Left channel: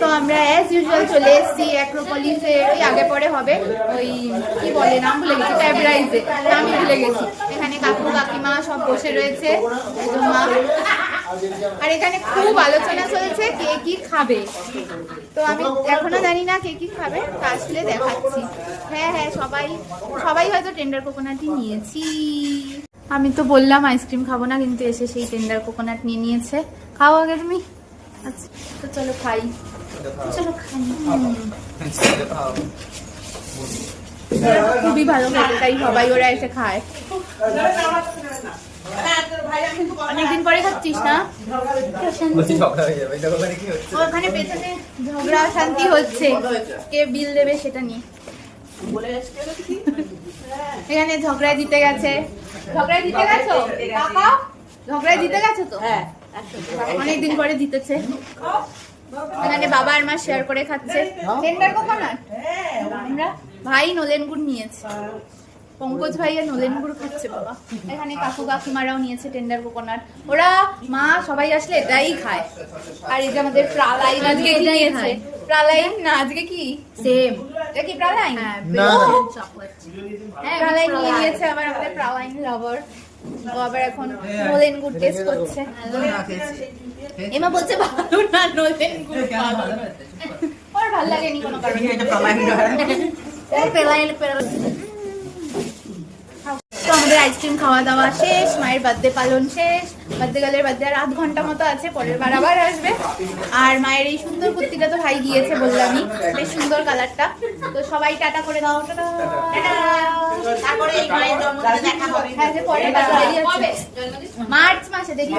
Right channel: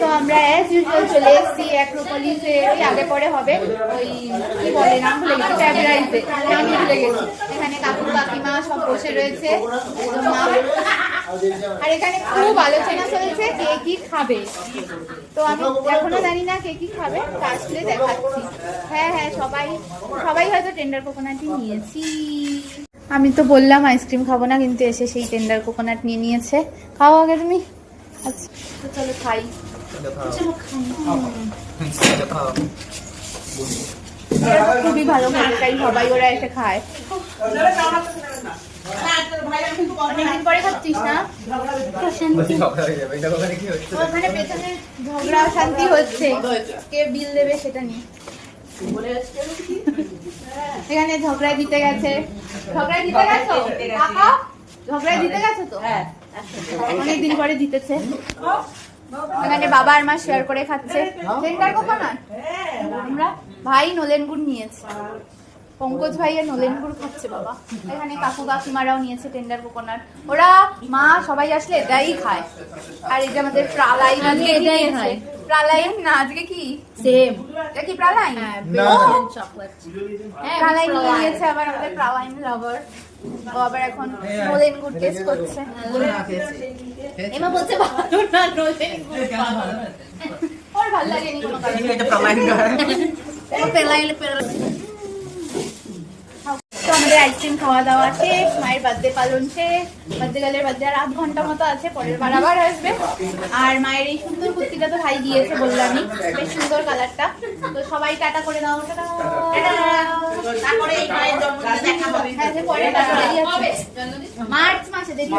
তো আমরা as usual চলে এসেছি অ্যাক্রোপলিসের ওই আগে পরে হবে ওই কি বলে নাম ভুলে গেছি, ফেব্রুয়ারিতে নামই ভুলে গেছি। এখানে কাকু কাকিমা সব বসে রয়েছে আর এখানে খুব আলোচনা চলছে কে কি খাবে। তো আমি এখনো জানি না কে কি খাবে, তা আসলে দেখাচ্ছি। হ্যাঁ হ্যাঁ সবাই সবাই হয়তো টেন্ডার কোকোনাটই নিয়েছি। আমি তো বললাম আইসক্রিম খাবো না, কিন্তু এসে সেই টেন্ডার কোকোনাট নিয়ে নিয়েছে। খাও আগে তুমি। আচ্ছা তো চলো খাই। খুবই ভালো খেতে, তাই সবাই ওরা এসে খায়। অনেকদিন পরে করছিস না? ওখানে পেছনে ঝগড়া শান্তি হচ্ছে, কে বিল দেবে সেটা নিয়ে। এখানে ঝগড়ায় জিতে গেছে। ঝগড়ায় জিতে গেছো কাকা? ঝগড়ায় জিতে গেছো তো? হ্যাঁ অনেকদিন পরে জিতেছে। এখানে বাবা আর মা শেয়ার করে খাচ্ছে টেন্ডার কোকোনাট। আমরা ভাই নলেন গুড় নিয়েছে, পঙ্কজ ভাইয়া নলেন গুড় খাচ্ছে বাবা। এখানে কাকু কাকিমারাও নিয়েছে টেন্ডার কোকোনাট। ওরা মা সবাই আসলে এটাই খায়। আর এই যে আমাদের প্রালাইন আজকে এটাই খায়। প্রালাইন না আজকে কি সেম, এটা কি প্রালাইন? প্রালাইন নিয়ে নিয়েছে আবার আমাদের প্রালাইন লাভার। ও আবার এখন নলেন গুড় টেস্ট করছে। এমা বলছে ভালো না নলেন গুড়, ওর ভালো লাগেনি কোনো কারণে। তো আমাদের আইসক্রিম খাওয়া দাওয়া শেষ, মায়ের বার্থডে পালন শেষ। বার্থডে গালের বার্থডে আর আধ ঘন্টা মতো আছে, পরের বার আবার আসবে। আর মায়ের এই সুন্দর কুর্তিটা তো ভাই দিয়েছে বললামই, বেশ সুন্দর কালারটা। তো সবাই টাটা করে দাও। মার্চ মাসে দেখি।